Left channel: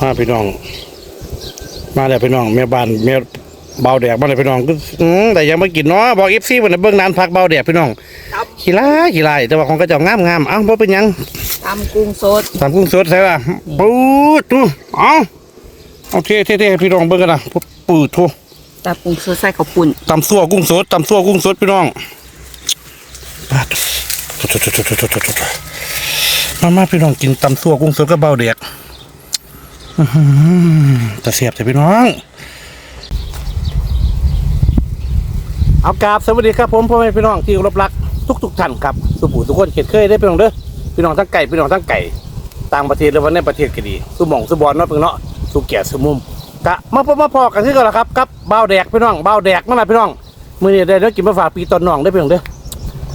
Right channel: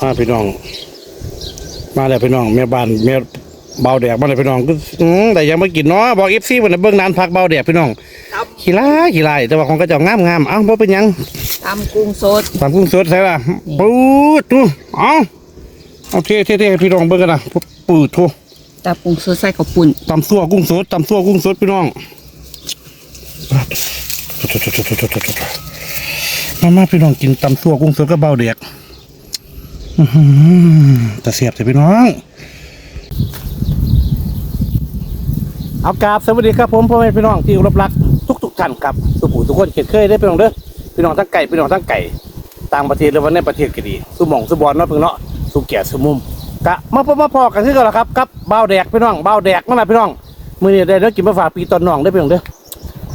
มาพี่น้อง มาแล้วพี่น้องแม่บ้านแม่เบาแดกมาแล้วพี่น้องก็อืมแต่ยังไม่กินเนาะบอกเอฟซีวันนี้เบื้องนานพักเบาแดกพี่น้องครับขี้ร้ายขี้ร้ายแต่ว่าของกระเจ้างามงามๆเอ้าบ่เป็นหยังตำกุ้งสดตามกุ้งสดใช่ป่ะปูดทูเอ้าเอาเท่เท่เท่ให้พี่น้องเบิ่งกันนะปูดทูตำกุ้งสดใส่ข้าวปุ้นตำซั่วกุ้งสดตำซั่วกุ้งสดพี่น้องปาดมามาพี่น้องกินตำซั่วกุ้งสดกับเบาแดก แต่เสียบแต่พี่น้อง เอากราบสวัสดีครับผมพ่อแม่พี่น้องที่เคารพรักทุกทุกๆท่านครับสุภูทุกคนเขตเคยได้พี่น้องเด้อพี่น้องทั้งไก่พี่น้องทั้งไก่ต่างประเทศหรือว่าในประเทศก็ดีสุหมองสุบอลเนาะเพิ่งเนาะสุเกียรติสุมุมกะมาพบมาพอกันคือกันละครับกับเบาแดกพี่น้องเบาแดกนั่นแหละพี่น้องมื้อนี้ได้แล้วกินมาฝากปีตอนน้องได้พี่น้องเด้อ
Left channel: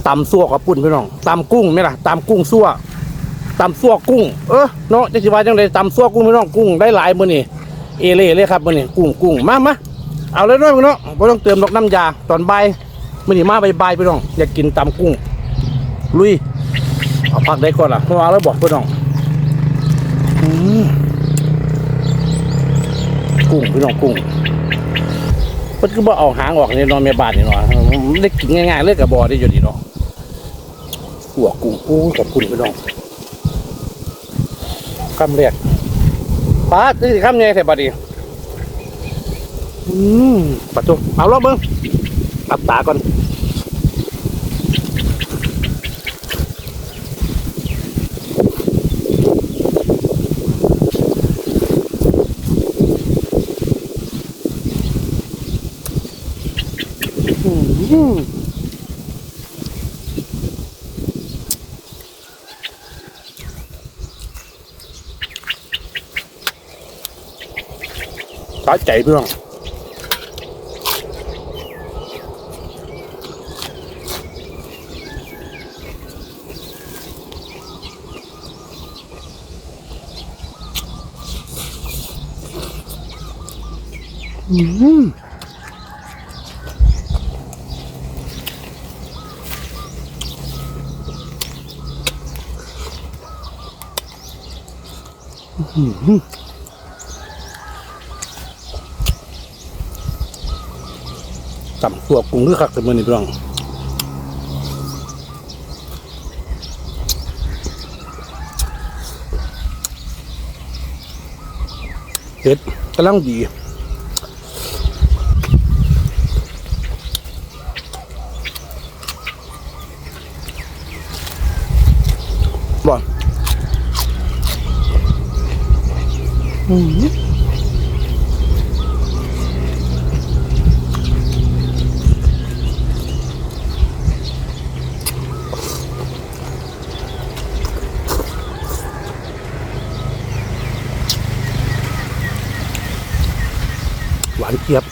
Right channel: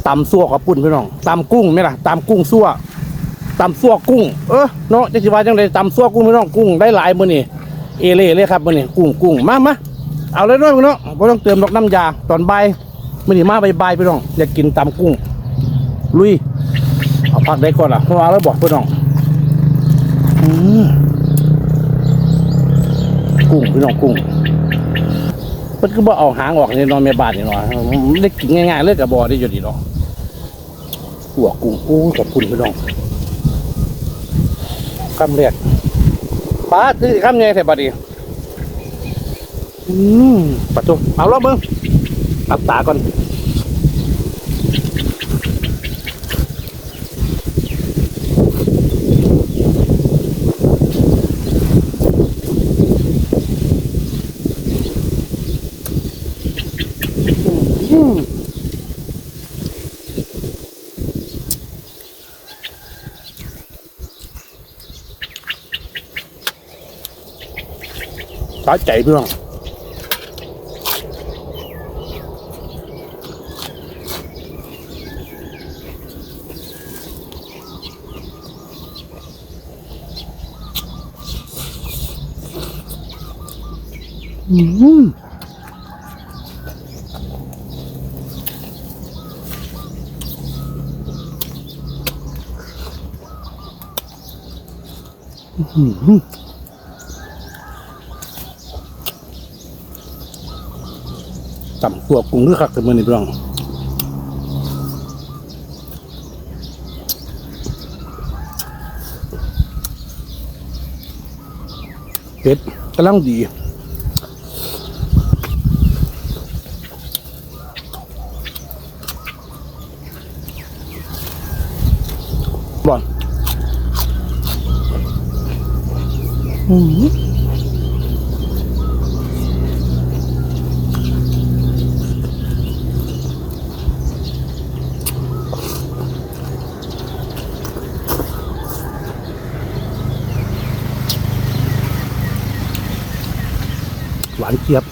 ตำซั่วกับปุ่นพี่น้องตำกุ้งไหมล่ะตำกุ้งซั่ว ตำซั่วกุ้ง เออเนาะจะสิว่าจังไดตำซั่วกุ้งพี่น้องกุ้งได้หลายมื้อนี้เอเล่เลยครับมื้อนี้กุ้งกุ้งมามาเอาเลยเนาะพี่น้องไม่ต้องเติมดอกน้ำยาตอนบ่ายมันนี่มาบ่ายๆพี่น้องอยากกินตำกุ้ง ลุยเอาผักได้ก่อนล่ะเพราะว่าแล้วบอกพี่น้องอืมกุ้งพี่น้องกุ้งมันก็บ่เอาหางออกนี่เนอนเมียบาทนี่เนาะมันได้กินง่ายๆเลยกับบอได้อยู่ดีเนาะหัวกุ้งโอ้ขอบคุณพี่น้อง คำเรียกป้าซื้อคำใหญ่แถบบัดนี้อืมปัดจุเอาลองมึงอับตาก่อน สาใจเพื่อนอืมอื้อหือ ต่ำตัวกุ้งคือคักแต่มือนี่พี่น้องเผ็ดกำลังดีบ่อนอืมานเจี๊ยบ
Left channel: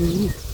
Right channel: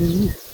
嗯。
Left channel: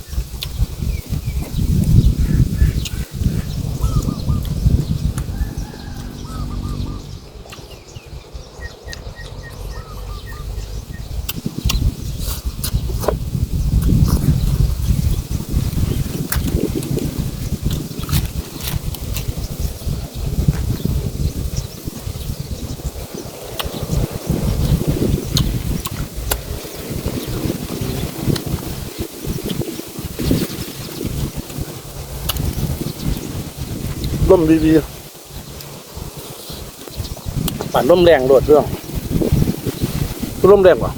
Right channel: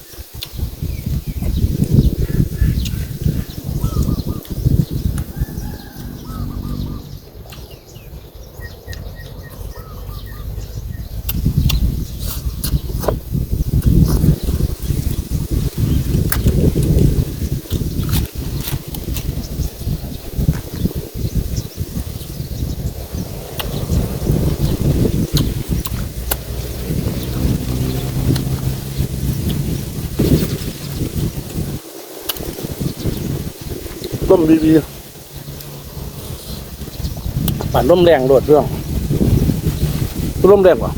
ล่มวีๆป่นร่มแรงโดดเรื่องร่มแรงกว่า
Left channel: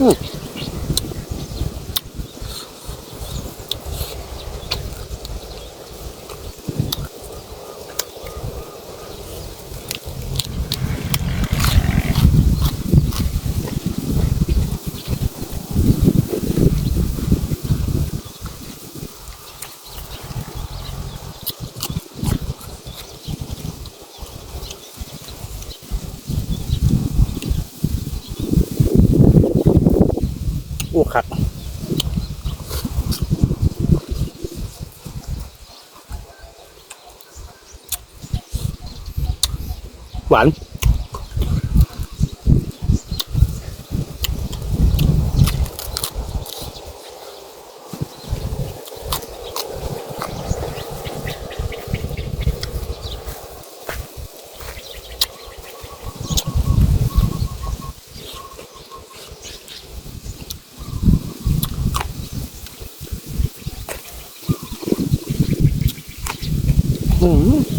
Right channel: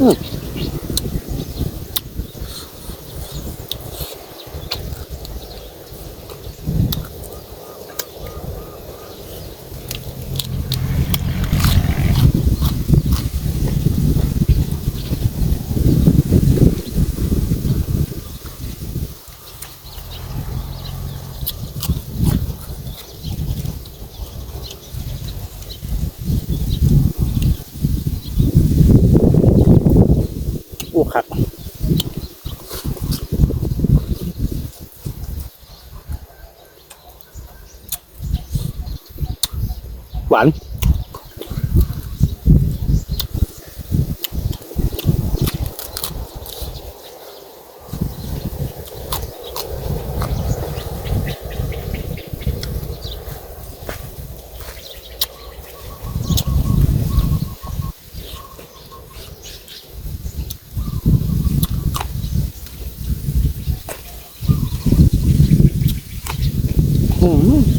อืม อ้คักหวาน อื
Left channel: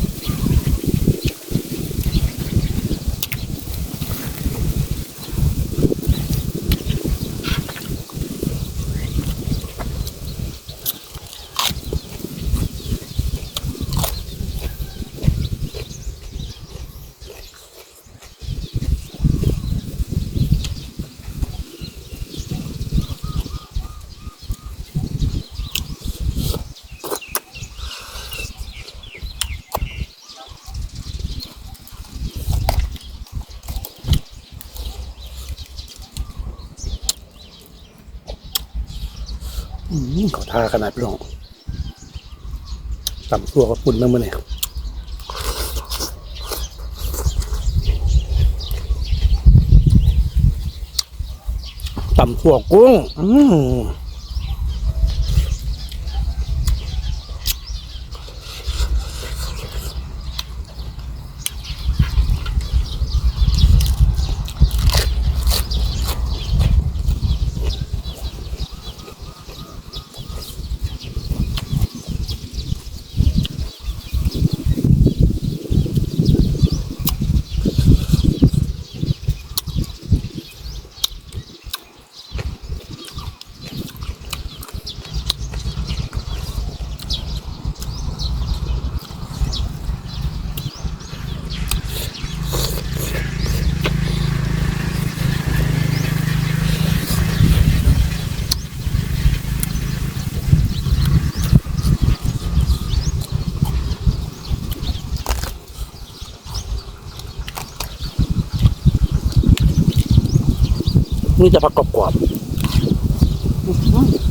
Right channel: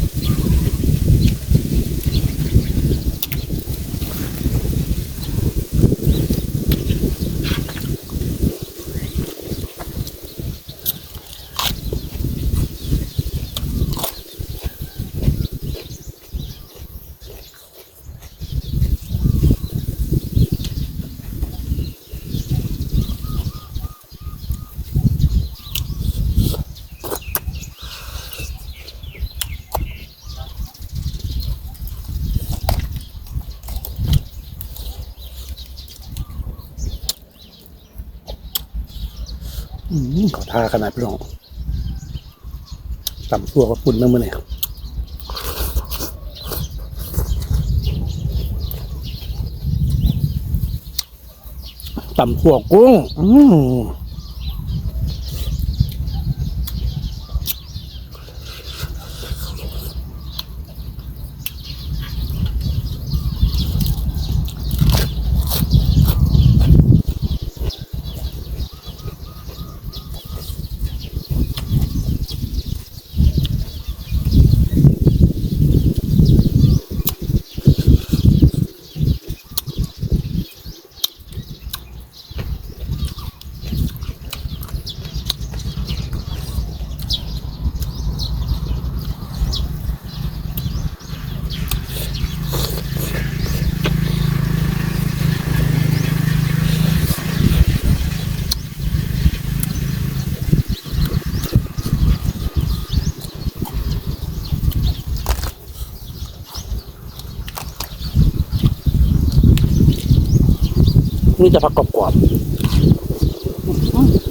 เขาท่าขนาดพี่น้องต่ำตัวก็ปุ่นนั่นมันเนี่ยตำตัวกุ้ง อืม นี่จะผักกรอบๆ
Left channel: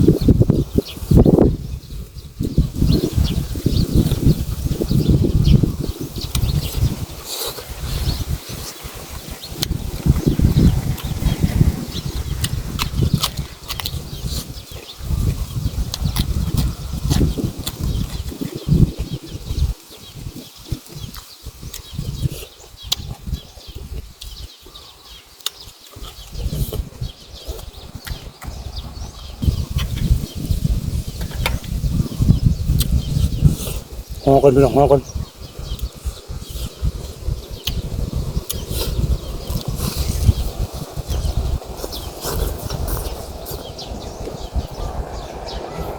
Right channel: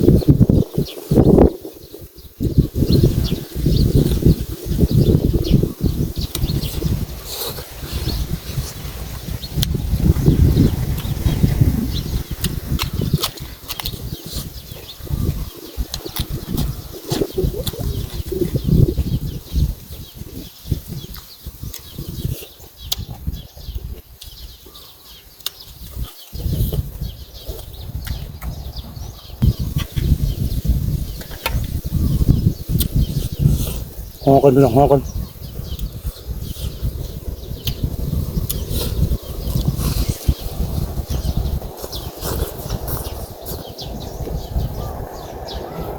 อกันพี่น้องหอกัน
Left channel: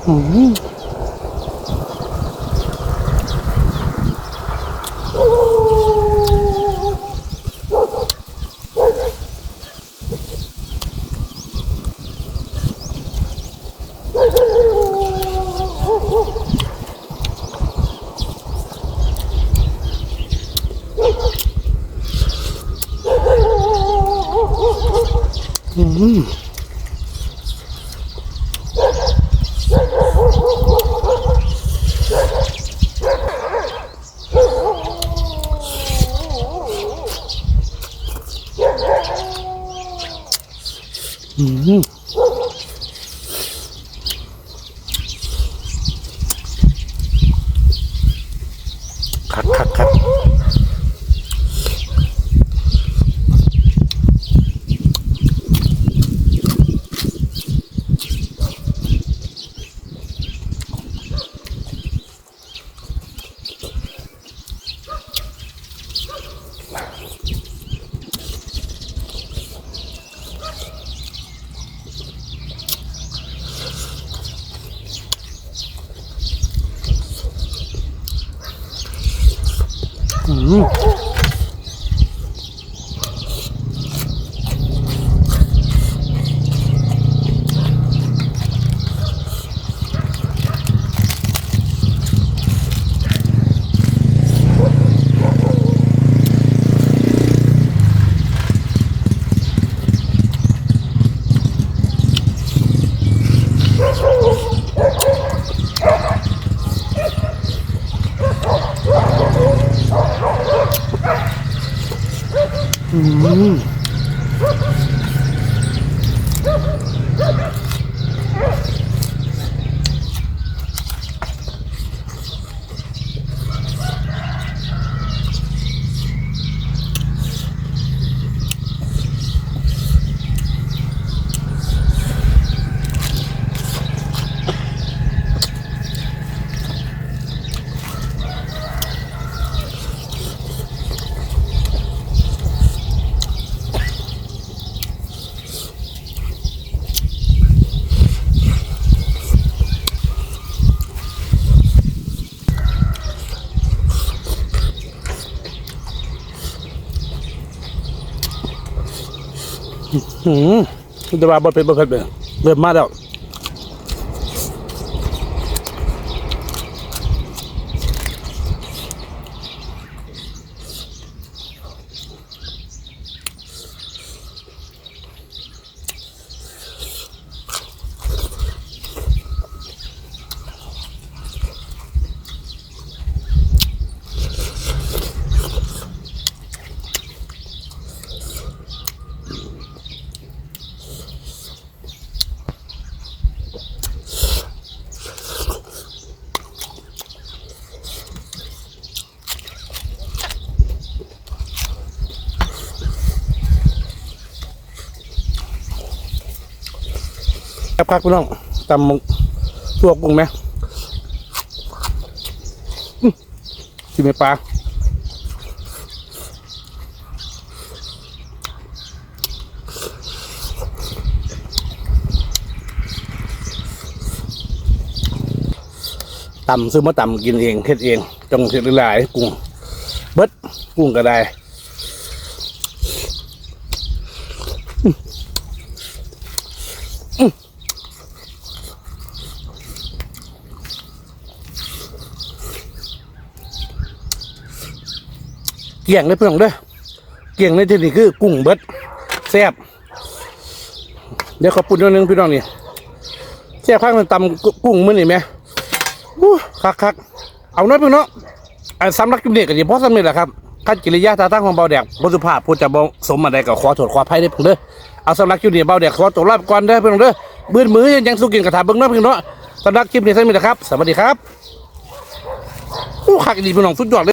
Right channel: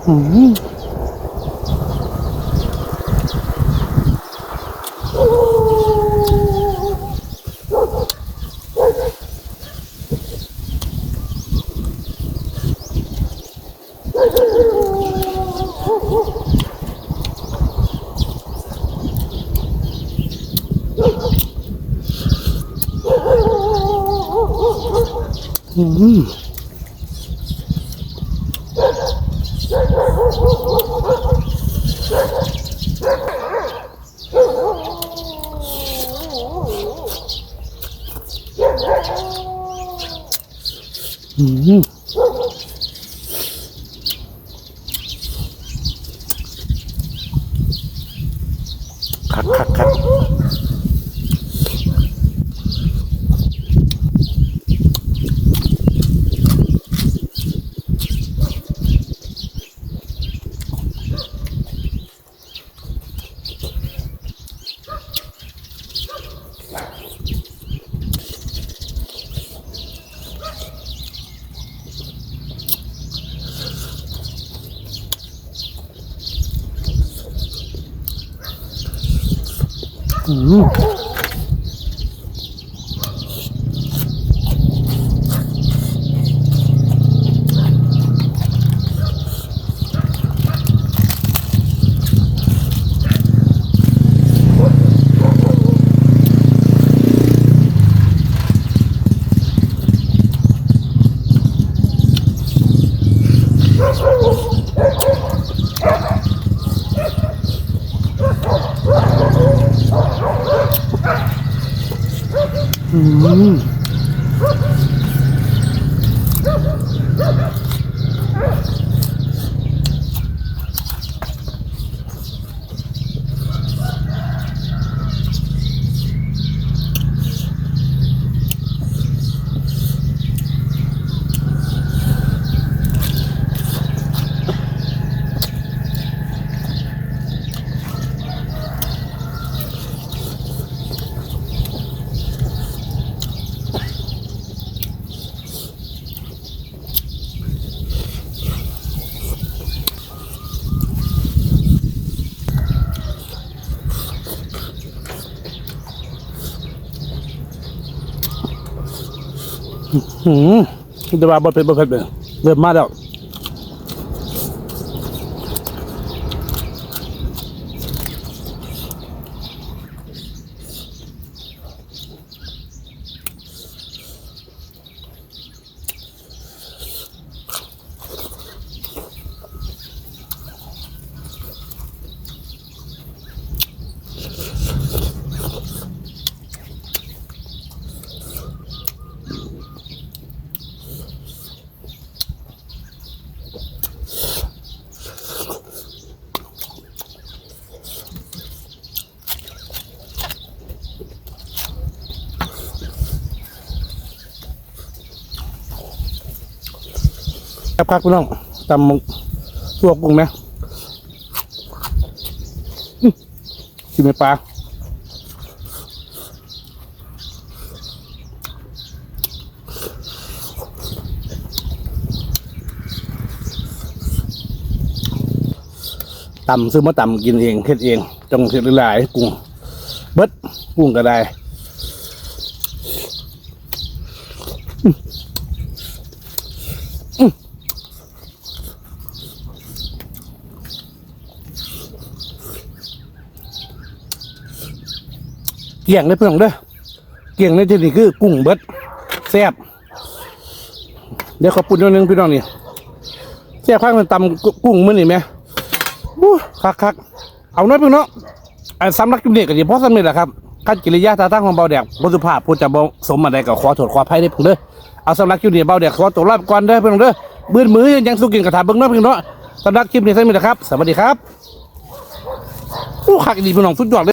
อืม อืมอืมคักคักคัก Uhum. อื หืมแต่ว่าบ่เป็นบ่เผ็ดเลยเริ่มมาแล้ว ครับครับพี่น้องตำตัวกุ้งไหมอื้อกินไหมปลาตำซื้อมาตำกินเองเฮ็ดเองจงเฮ็ดหลายกุ้งเบิดกุ้งก็ได้ เกี่ยงเลยเพื่อนเด้อเกี่ยงในที่นี่คือกุ้งเบิดแซ่บเดี๋ยวขอปุ่นนิดนึงพี่น้องนี่แซ่บข้างมันตำกุ้งมื้อนี่ไหมอู้คักคักเอาน้อยเพื่อนเนาะอันสำลักกิมเด็กกันดีเพราะสำเร็จแหละครับขั้นกิริยาท่าทางของเบาแดกบสุภาพพูดจะบสมอะไรกับขอโทษขออภัยได้เพื่อนเด้อเอาสำหรับคลิปนี้เบาแดกขอตัวลาไปก่อนเด้อเพื่อนเด้อบื้นมือยังสู้กินกระถาเบิ้งเนาะเพื่อนเนาะสำหรับคลิปนี้สำเร็จแล้วครับ สวัสดีครับอู้คักดีพี่น้องสุดยอดเลย